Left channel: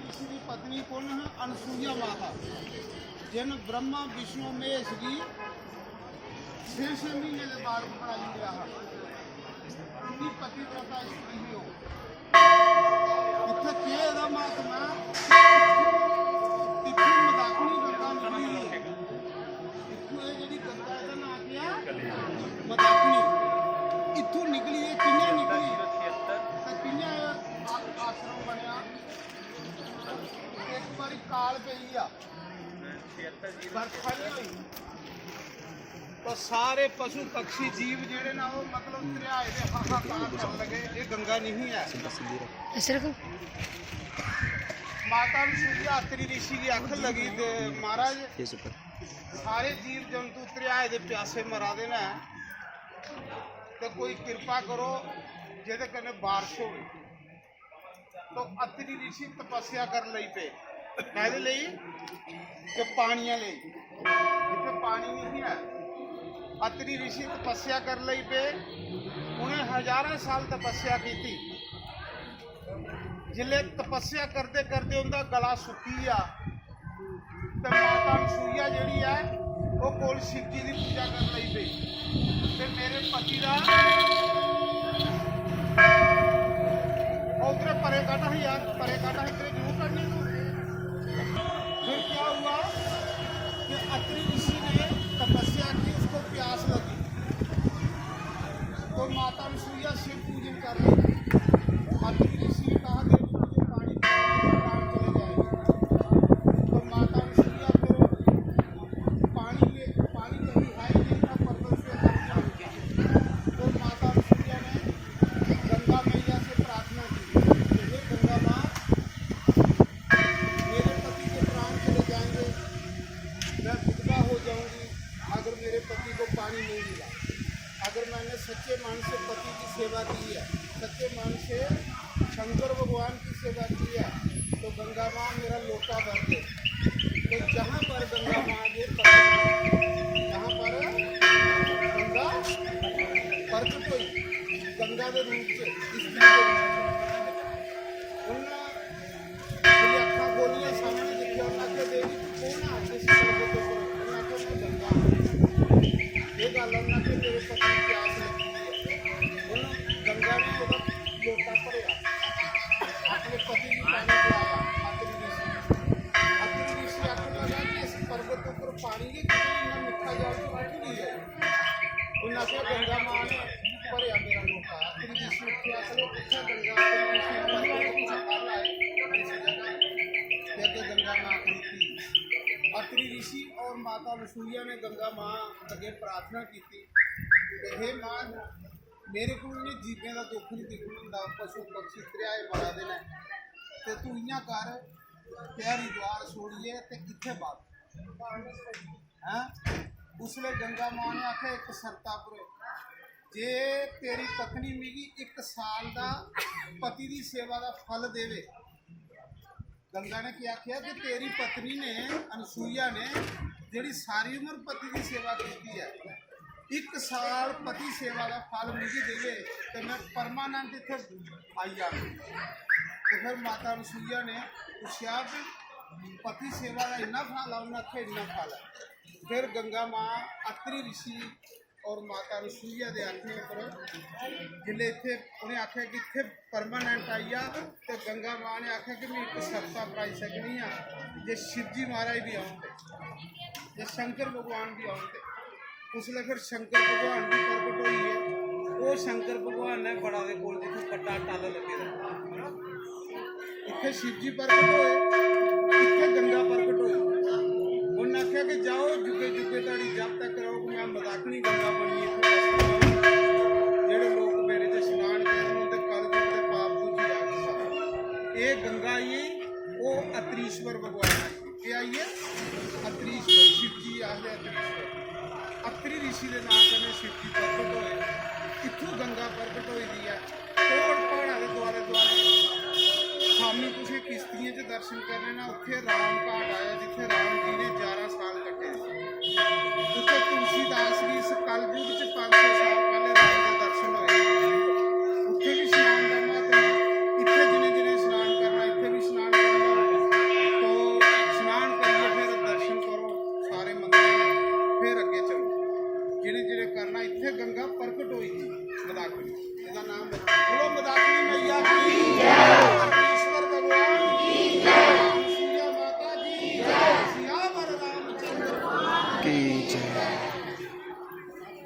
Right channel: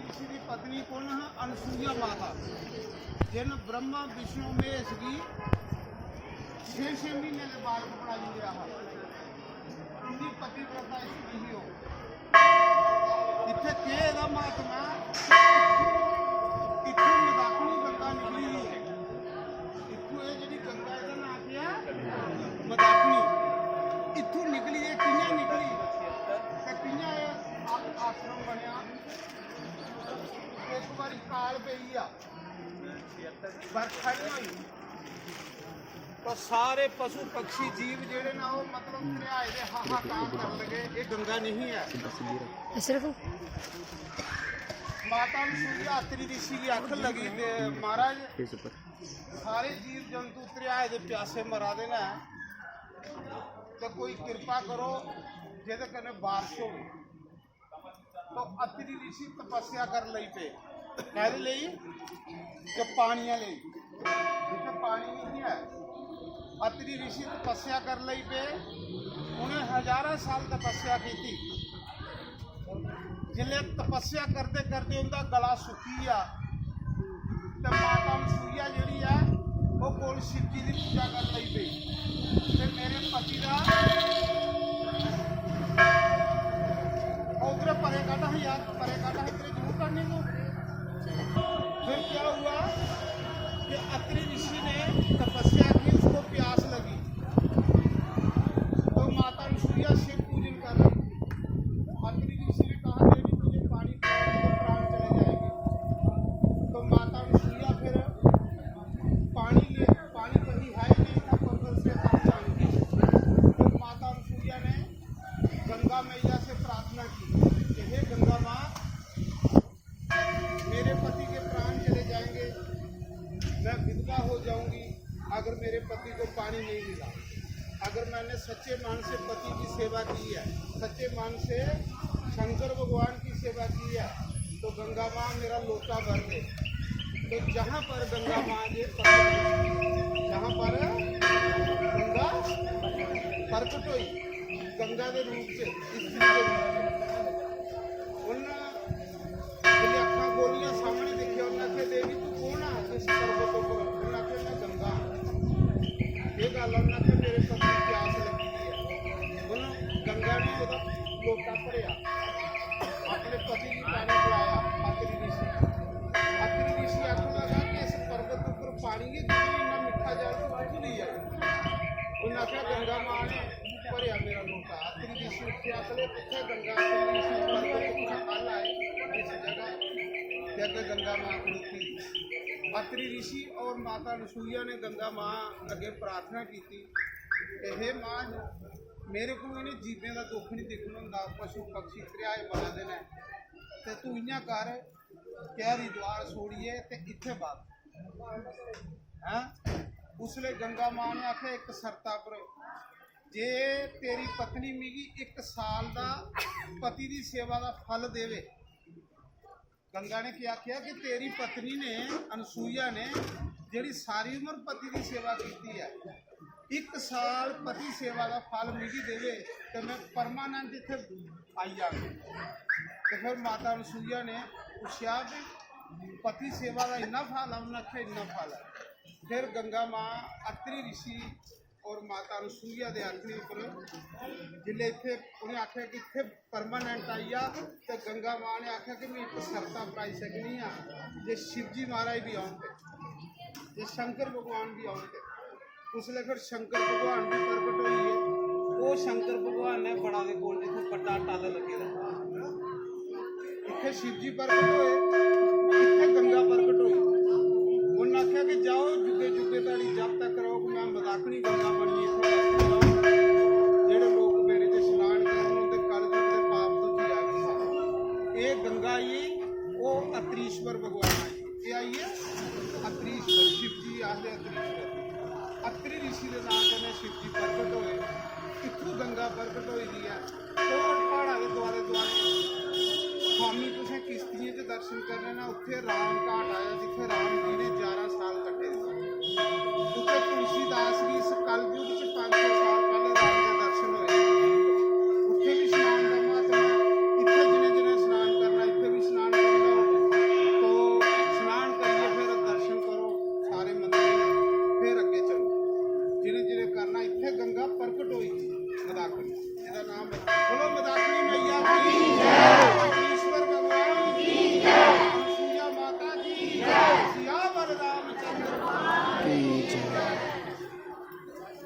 ऋषि की पत्नी कौन है? अनसुईया माता, जिन ब्रह्मा विष्णु महेश की 6 महीने के बाद बनाई गया है। इनकी पतिव्रता स्त्री ही हो। इतने के दा महात्मा इतू मदाकनी गंगा निकली। इतू ये जी गंगा का नाम क्या? मदाकनी। इतू निकली है, किन्ने निकली तो किन्ने आश्रम बनया। एक बारी काल पई आ, बरखा नहीं हुई तो सारे पशु पक्षी जीव जेड़े ना वो मतलब दरियाए दे हाहाकार कर लगे। ये गंगा नहीं है। माता अनसुईया अत्रि ऋषि की अख लगी ते महाराज सारे जीव जंतु दरियाए दे प्यासे मरा देना है, तो कोई कृपा करो जिहदे कन्नै बारिश होवे। तो अत्रि ऋषि तपस्या कर लई पे, कहदे लई कि पानियां लई, जिथे पानी नहीं है। अत्रि ऋषि तपस्या कर लई पे, उन्हें हजारों साल तपस्या की थी। जिले तपस्या करते करते उनका गला सुकी आ, तो माता अनसुईया जिहड़ी है वो कोल शिव जी की पूजा कर लई पे। ते मेरे पति का उधर परे काटा है यार, परे काटा है, इतने जरूर करने दो। फिर क्या हुआ कि अत्रि ऋषि ने तपस्या की, उसको प्यास लगी और माता अनसुईया शिव पूजन कर रही। अत्रि ऋषि ने कहा देवी मुझे पानी पिलाओ, प्राण चले जाएंगे। तो माता अनसुईया फिर पानी कहीं है ही नहीं था, पर्वत से कहाँ जाएंगे। तो माता अनसुईया ने गंगा मैया से प्रार्थना की, हे गंगा माँ, मेरे पति के प्राण चले जाएंगे, मैं विधवा हो जाऊंगी अगर मेरे पति को पानी नहीं मिला। अगर मैंने सच्चे मन से पति की सेवा की है, सच्चे मन से शंकर भगवान की सेवा की है, तो गंगा माँ मेरा लोटा भर दे। तो जहाँ पर गंगा माँ के जहाँ पर गंगा प्रकट हुई, गंगा के रूप से, स्त्री के रूप से, उन्हें अखा खोलिया, सामने देखिया, उन्हें देवी तू कौन है जिस पर्वत पर? उन्हें मैं गंगा। ये गल उन्हें मेरे पति की प्यास लगी है। उन्होंने गंगा ने वो लोटा भरिया, अपने पति की पानी पिलाया। अत्रि ऋषि आखन लगा कि इस पर्वत पर पानी के इन्ना मिठा जल तो कितों नहीं आई। उन्हें आख्या गंगा माँ ने भरिया मेरा लोटा। अत्रि ऋषि उठे आखले कितने गंगा? गंगा माँ थी। अत्रि ऋषि और माता अनसुईया ने गंगा माँ अगे प्रार्थना की थी कि हे माँ, मेरे को इन्हें जीवें का दुख नहीं दिखना होंदा, पशु पक्षी दरियाए मारा देना, तो तू इयां कर कि हरिद्वार छोड़िए तो इत्थे बात है। उसले गंगा माँ ने आख्या एक शर्ता पर, जे तेरी पत्नी मिगी 1 साल का पति की सेवा का फल देवे। गंगा ने क्या आख्या कि तेरी पत्नी ने अनसुईया ने जिहड़ी सारी उम्र पति की सेवा की है, 1 साल पति सेवा का फल मिगी देवे तो मैं परमानेंट इत्थे आई जाऊँ। तो फिर माता अनसुईया ने पूछा कि पति सेवा का इन्ना फल है? उन्हें आख्या इन्ना फल है। फिर गंगा माँ अत्रि ऋषि और माता अनसुईया के आखने पर जिले इत्थे उन्हें आख्या कि इत्थे परमानेंट आई आ, तो गंगा माँ ने आख्या कि मैं एक शर्ता अपनाई सकनी हाँ, जे शिव जी महाराज भी आउन, जे शंकर भगवान भी आउन। उसले फिर शंकर भगवान भी प्रकट हुई है। वो शंकर भगवान ने बड़ा के कोल जिथे बड़ा टल लगे इत्थे शिव जी प्रकट होए, इत्थे गंगा प्रकट हुई। उन्हें आख्या कि जाओ जुगे जुगे ताड़ी जब तक करो कि मैं मदाकनी गंगा बनी जेड़े लोग मेरे से स्नान करन उनके कलयुग के पाप दूजी आ गए। ये गंगा आई वो अत्रीश्वर भगवान आई। ये आई है अत्रीश्वर, शिव जी आखिर अत्रीश्वर। अत्रि ऋषि के नाम कने शिव जी प्रकट होए, इत्थों गंगा प्रकट हुई दी है। कोट पहाड़ा के दुआले दुआले शामी तुसें किश्तियों से दर्शन करने ना, उत्थे राम घाट आया जिथे राम जी ने 11 साल कटे। उत्थे तुलसीदास भी इस कलयुग च 500 साल पहले राम का दर्शन होए। उत्थे भी स्नान का महत्व, इत्थे जिन्हें जिन्हें स्नान ਜ਼ੁਲਮ ਦਾ